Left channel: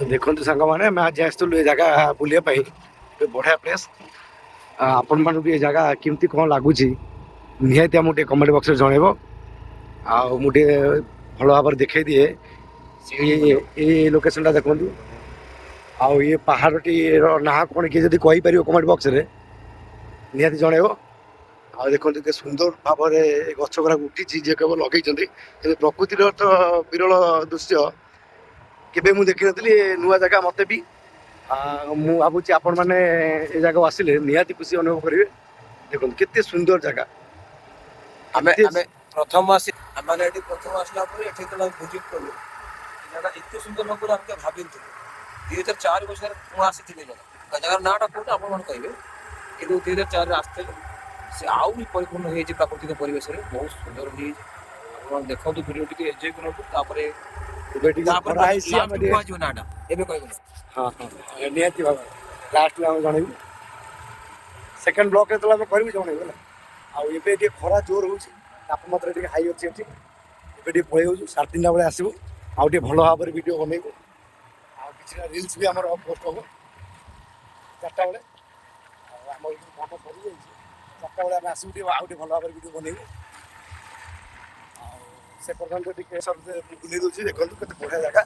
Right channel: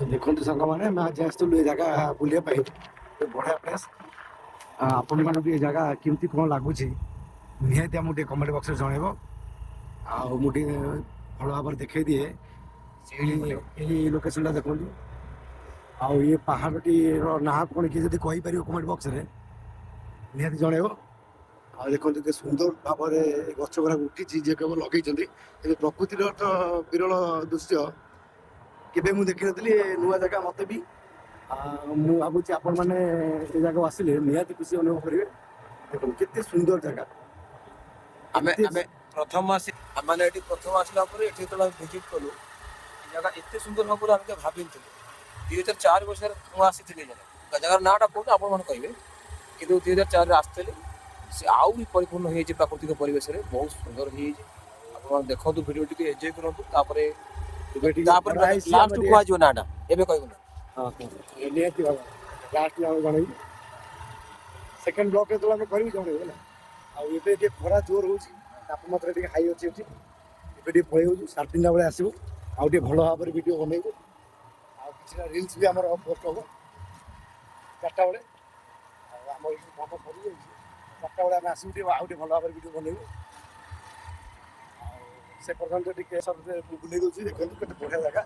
ଦେଖନ୍ତୁ ସାଙ୍ଗମାନେ ଆମେ ଆଜି ଆସିଥିଲୁ ଏ ଜାଗା ବୁଲିବା ପାଇଁ ବଢ଼ିଆ ପ୍ଲେସ୍। ଆପଣମାନଙ୍କୁ ଏ ଜାଗା କେମିତି କ'ଣ ଲାଗୁଛି ନିହାତି ଆମକୁ ଟିକେ କମେଣ୍ଟ ବକ୍ସରେ ଜଣାଇବ। ଆଉ ମୁଁ ଟିକେ ଭଲ ଭାବରେ ଦେଖାଇ ଦିଏ ଏଇ ଲୋକେସନଟା ଦେଖନ୍ତୁ। ଆଉ ଇଏ ପାହାଡ଼ଟିର ନାଁ କ'ଣ କିଏ ଯଦି କହିପାରିବ କମେଣ୍ଟ ବକ୍ସରେ ନିହାତି ଜଣାଇବ। ଆଉ ଦେଖନ୍ତୁ କେତେ ସୁନ୍ଦର ଭାବରେ ଗଛ ଗୁଡ଼ାକ ଉଠିଛି ଯିଏ କେବଳ ଲଗେଇଛନ୍ତି, କିନ୍ତୁ ପ୍ରକୃତିର ତ ବିରଳ ଦୃଶ୍ୟ କେବେ ମୁଁ ଦେଖିନଥିଲି। ନୂଆ ଜାଗା ମୋତେ ବି। ମୁଁ ଭାବୁଛି ଆପଣମାନେ ଏ ଜାଗାକୁ ଆସିଲେ ନିହାତି ଖୁସି ଅନୁଭବ କରିବେ। ଦେଖନ୍ତୁ କେତେ ସୁନ୍ଦର ଜାଗା। ଆମେ କେତେ ଆମେ ପ୍ରଥମ ଆମେ ଏଠି ପ୍ରଥମ ଆସିଲା ପରେ ଏଠି ଯେତେବେଳେ ଆମେ ଭିଜିଟ୍ କଲୁ ଏ ଜାଗା ଏତେ ସୁନ୍ଦର ହବ ବୋଲି ଆମେ ଭାବିନଥିଲୁ। 2004 ମସିହାରେ ମୁଁ ଆସିଥିଲି ଜାଗାର ନାଁଟା କୋଉଟା ଆପଣମାନେ କହିବେ, କିନ୍ତୁ 2004ରେ ଆସିଥିଲି। ସେ ଆଉ ବି ପରିପୂର୍ଣ୍ଣ ହେଇଯାଇଛି ପ୍ରାକୃତିକ ପରିବେଶରେ, ବହୁତ ସୁନ୍ଦର ହେଇଯାଇଛି। ଆପଣ ଦେଖନ୍ତୁ ଭିଡ଼ିଓ ଟିକେ ଏନ୍ଜୟ କରନ୍ତୁ, ତାପରେ ଏବେ ଟିକେ ତାପରେ ଖରା ହେଇଛି ଆମେ ଲାଷ୍ଟ ଟିକେ କୁହାଯିବ ନାଁଟା ଏବେ କହିବୁ ନା। ହଁ ନିହାତି ଭାବରେ ଲାଷ୍ଟରେ ଆମେ ଜଣେଇବୁ। ସେକେଣ୍ଡ ବ୍ଲକ୍ ଯେତେବେଳେ ଆମେ କରିବୁ ଜଣେଇବୁ ହେଲା। ଆଉ ଏବେ ଟିକେ ଖରା ଜୋର ହେଉଛି, ତାପମାତ୍ରା ଟିକେ ହାଇ ଅଛି ଏଠି। ଏବେ ଟିକେ ପଳେଇ ଯାଉଛୁ, 3:30 ବେଳେ ଆସିବୁ। ଆଉ ଟିକେ ଭଲ ଭାବରେ ଭିଡ଼ିଓ ବନେଇବୁ। ଆଉ କିଛିଟା ରିଲ୍ସ ବି ଆମର ପୋଷ୍ଟ ହବ 4ଟା ବେଳେ। ଆଉ ଆମର ଏଠି କାମ ସରିଯାଇଛି, 4ଟା ବେଳେ ଆମେ ଆସିବୁ ଟିକେ ଆଉ ଟିକେ ଭଲ ଭାବରେ ଭିଡ଼ିଓ ବନେଇବୁ। ଆଉ ସେ ପର୍ଯ୍ୟନ୍ତ ଟିକେ ବୁଲେଇ ଦେଉଛି। ଦେଖନ୍ତୁ କେତେ ବଢ଼ିଆ ଜାଗା।